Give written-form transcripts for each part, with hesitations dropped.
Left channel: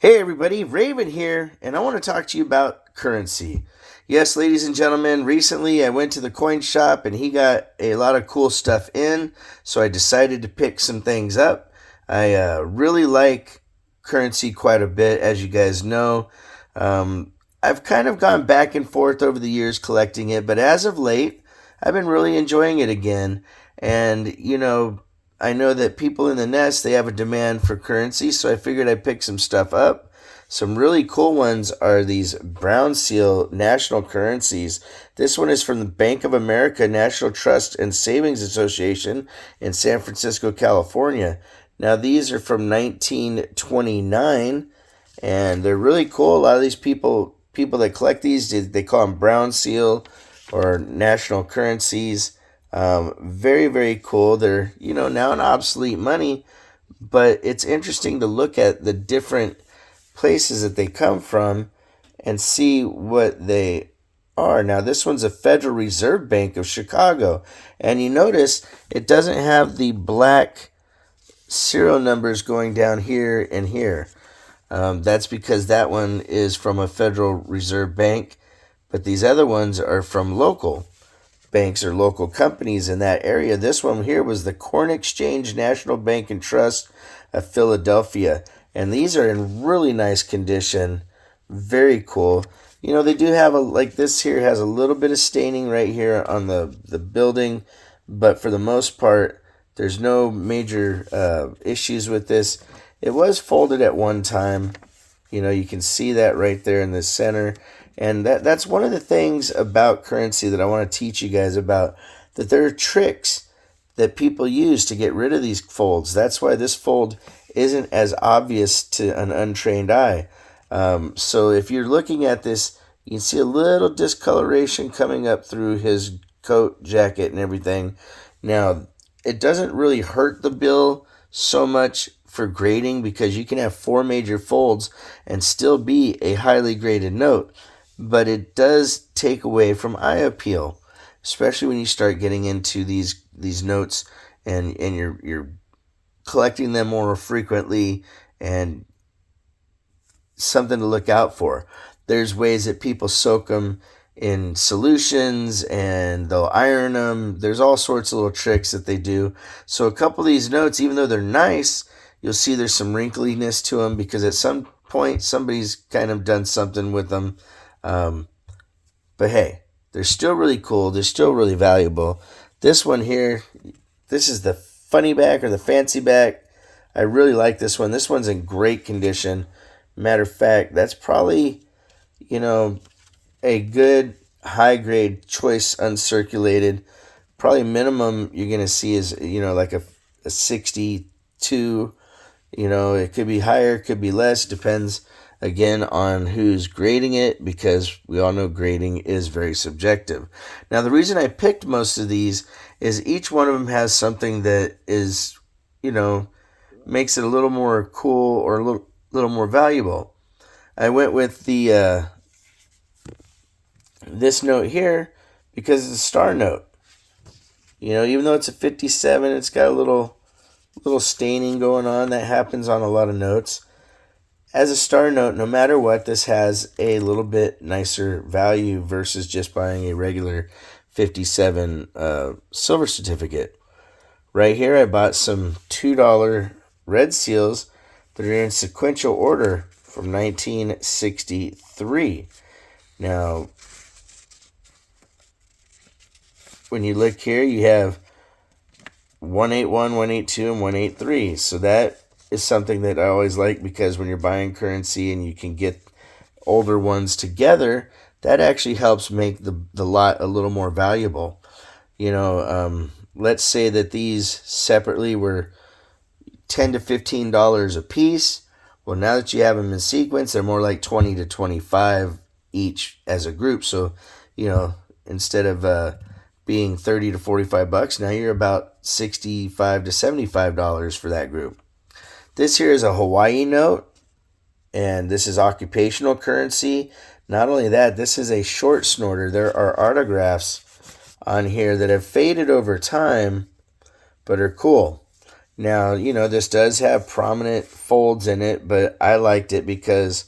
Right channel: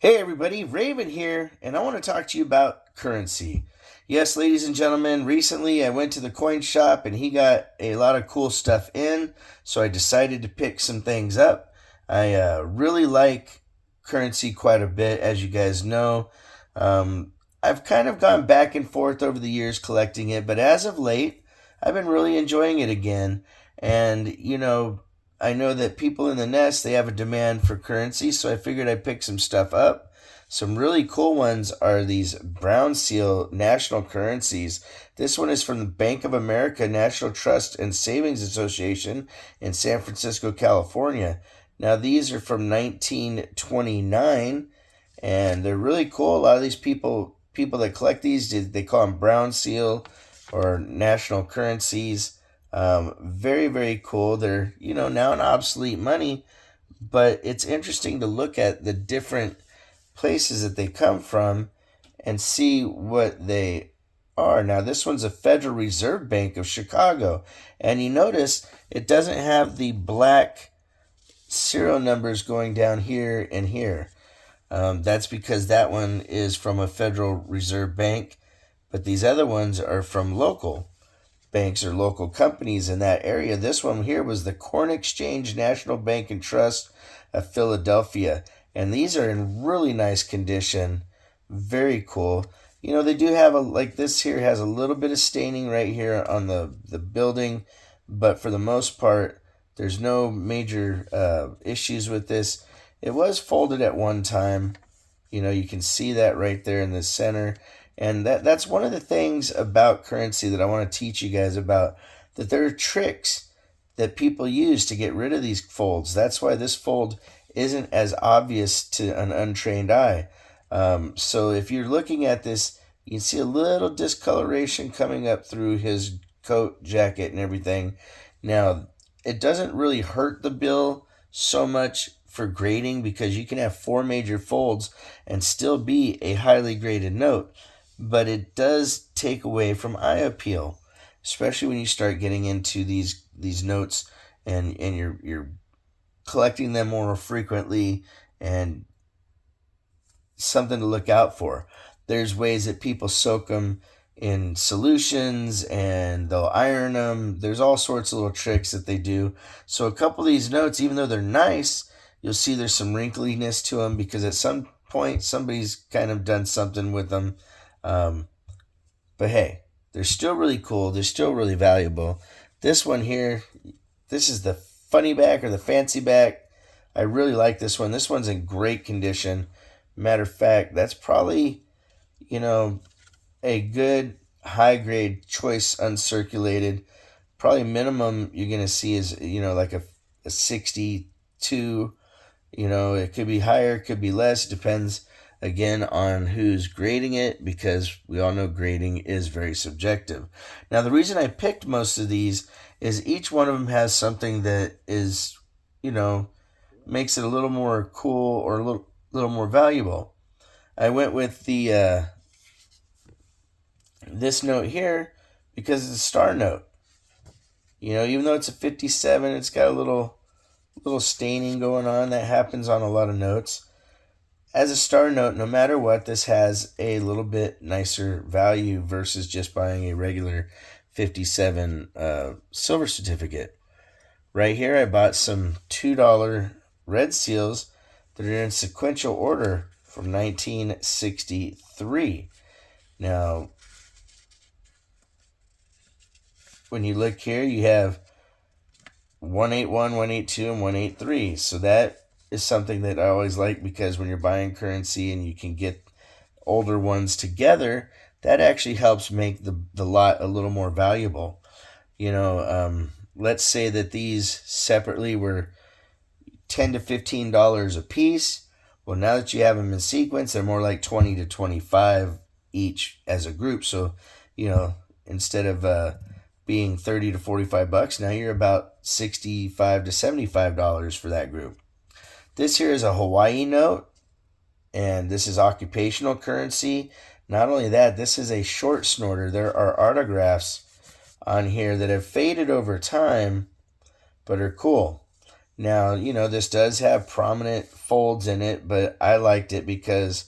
Hey everybody, Raven here, and I want to talk to you about currency. Yes, ladies and gentlemen, recently I went to the coin shop and he got a lot of cool stuff in, so I decided to pick some things up. I really like currency quite a bit, as you guys know. I've kind of gone back and forth over the years collecting it, but as of late, I've been really enjoying it again. And, I know that people in the nest they have a demand for currency, so I figured I'd pick some stuff up. Some really cool ones are these brown seal national currencies. This one is from the Bank of America National Trust and Savings Association in San Francisco, California. Now these are from 1929 and they're really cool. A lot of these people that collect these they call them brown seal or national currencies. Very, very cool. They're, now an obsolete money, but it's interesting to look at the different places that they come from and see what they are. Now, this one's a Federal Reserve Bank of Chicago, and you notice it doesn't have the black serial numbers going down here and here. That's because that one is from a Federal Reserve Bank, but these other ones are from local banks or local companies in that area. This one here was the Corn Exchange National Bank and Trust of Philadelphia. And these are in really nice condition. Very cool. They do have like this here has a little bit of staining right here on the building, but for the most part, there's no major issues with this. It was folded at one time. You can see that right there in the center. And that's one of the things about currency that I want to teach you guys about, that there are tricks that people use to get rid of these folds. That's why this fold isn't as obvious to an untrained eye. So if you're looking at this, you can see a little discoloration coming up through his coat, jacket, and everything. Now, it doesn't really hurt the bill so much for grading because you can have four major folds and still be a highly graded note, but it does take away from eye appeal, especially when you start getting into these notes and you're collecting them more frequently, and something to look out for. There's ways that people soak them in solutions and they'll iron them. There's all sorts of little tricks that they do. So a couple of these notes, even though they're nice, you'll see there's some wrinkliness to them because at some point somebody's kind of done something with them. But hey, they're still really cool. They're still really valuable. This one here, this is the funny back or the fancy back. I really like this one. This one's in great condition. Matter of fact, that's probably, a good high grade choice uncirculated. Probably minimum you're going to see is, like a 62. It could be higher, it could be less. Depends again on who's grading it, because we all know grading is very subjective. Now, the reason I picked most of these is each one of them has something that is, makes it a little more cool or a little more valuable. I went with the this note here because it's a star note. Even though it's a 57, it's got a little staining going on that happens on a lot of notes. As a star note, no matter what, this has a little bit nicer value versus just buying a regular 57 silver certificate. Right here, I bought some $2 red seals that are in sequential order from 1963. Now, when you look here, you have 181, 182, and 183. So that is something that I always like, because when you're buying currency and you can get older ones together, that actually helps make the lot a little more valuable. Let's say that these separately were $10 to $15 a piece. Well, now that you have them in sequence, they're more like 20 to 25 each as a group. So, instead of being 30 to 45 bucks, now you're about 65 to $75 for that group. This here is a Hawaii note, and this is occupational currency. Not only that, this is a short snorter. There are autographs on here that have faded over time, but are cool. Now, this does have prominent folds in it, but I liked it because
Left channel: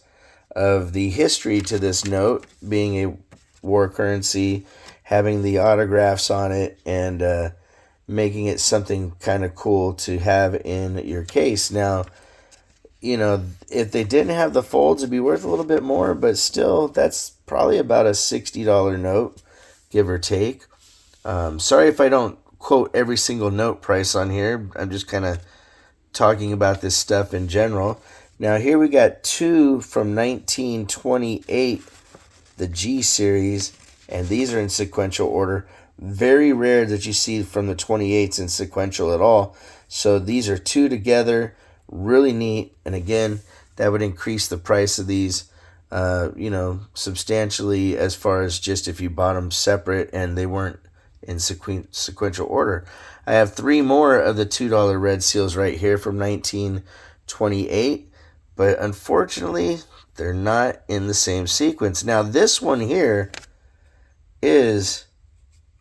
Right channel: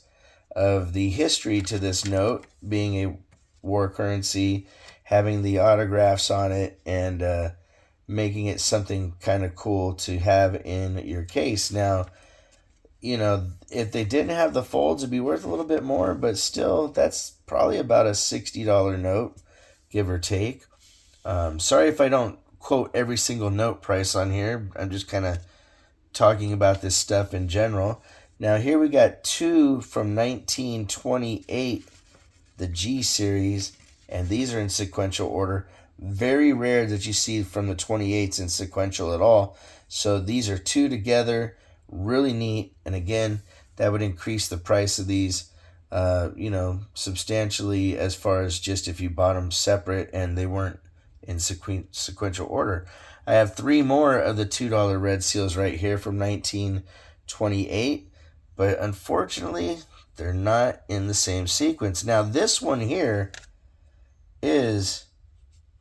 of the history to this note being a war currency, having the autographs on it, and making it something kind of cool to have in your case. Now, if they didn't have the folds, it'd be worth a little bit more, but still, that's probably about a $60 note, give or take. Sorry if I don't quote every single note price on here. I'm just kind of talking about this stuff in general. Now, here we got two from 1928, the G series, and these are in sequential order. Very rare that you see from the 28s in sequential at all. So these are two together, really neat. And again, that would increase the price of these, substantially as far as just if you bought them separate and they weren't in sequential order. I have three more of the $2 red seals right here from 1928, but unfortunately, they're not in the same sequence. Now, this one here is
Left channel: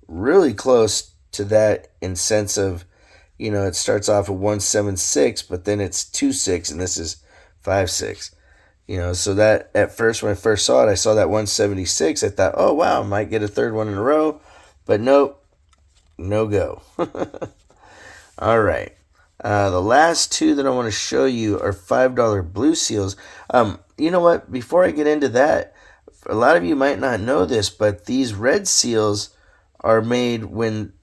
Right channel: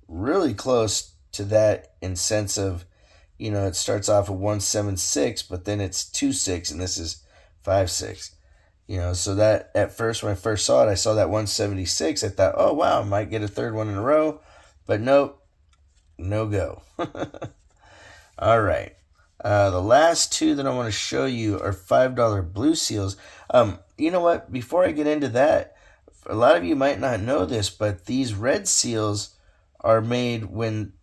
really close to that in sense of, it starts off at 176, but then it's 26, and this is 56. So that at first, when I first saw it, I saw that 176. I thought, oh, wow, I might get a third one in a row. But nope, no go. All right. The last two that I want to show you are $5 blue seals. You know what? Before I get into that, a lot of you might not know this, but these red seals are made when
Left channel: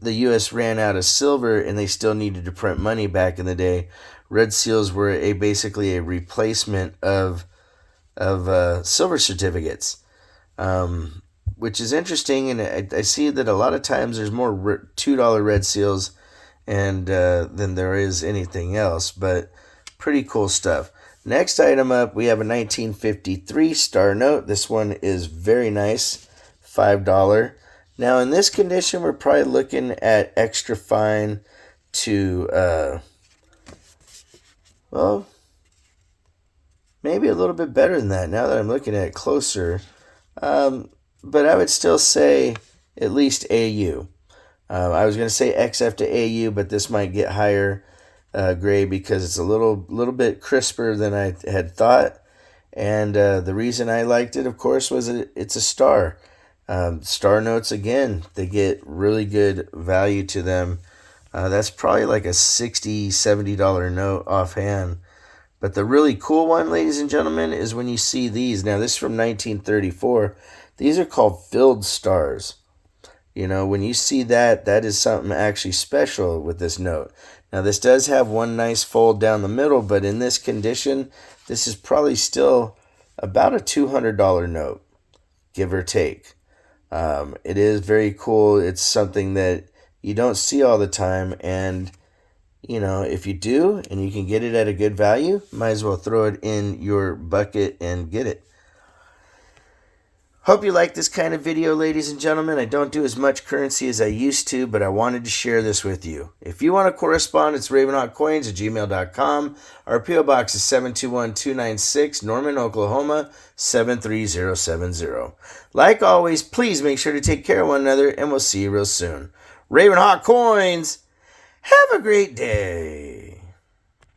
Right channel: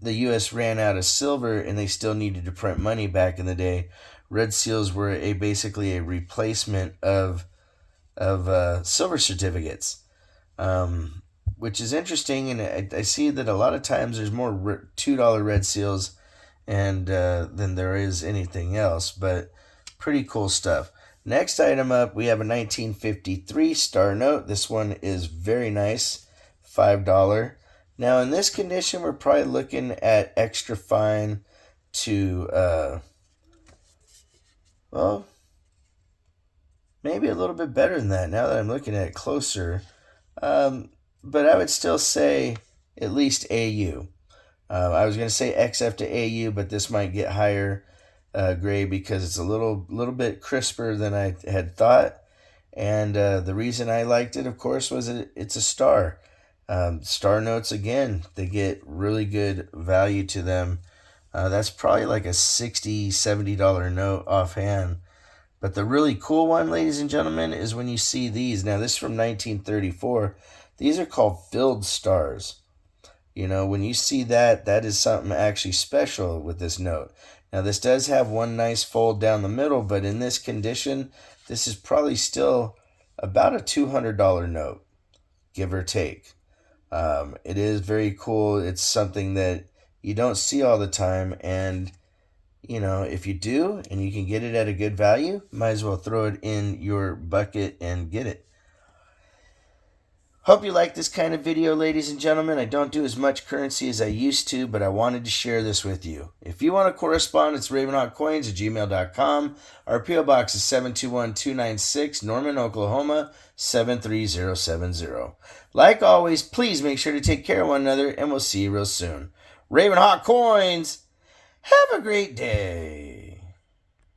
the U.S. ran out of silver and they still needed to print money back in the day. Red seals were basically a replacement of silver certificates, which is interesting. And I see that a lot of times there's more $2 red seals and than there is anything else, but pretty cool stuff. Next item up, we have a 1953 star note. This one is very nice, $5. Now, in this condition, we're probably looking at extra fine to, maybe a little bit better than that now that I'm looking at it closer. But I would still say at least AU. I was going to say XF to AU, but this might get higher grade because it's a little bit crisper than I had thought. And the reason I liked it, of course, was it's a star. Star notes, again, they get really good value to them. That's probably like a $60, $70 note offhand. But the really cool one, ladies and gentlemen, is when you see these. Now, this is from 1934. These are called filled stars. When you see that, that is something actually special with this note. Now, this does have one nice fold down the middle, but in this condition, this is probably still about a $200 note, give or take. It is very cool. It's something that you don't see all the time, and if you do and you can get it at a good value, might as well throw it in your bucket and get it. Hope you like this kind of video, ladies and gentlemen. I don't do as much currency as I used to, but I wanted to share this with you. If you want to correspond, it's ravenhawkcoins@gmail.com. Our P.O. Box is 721-296, Norman, Oklahoma, 73070. Like always, please make sure to take care of one another, and we'll see you real soon. Ravenhawk Coins, have a great day.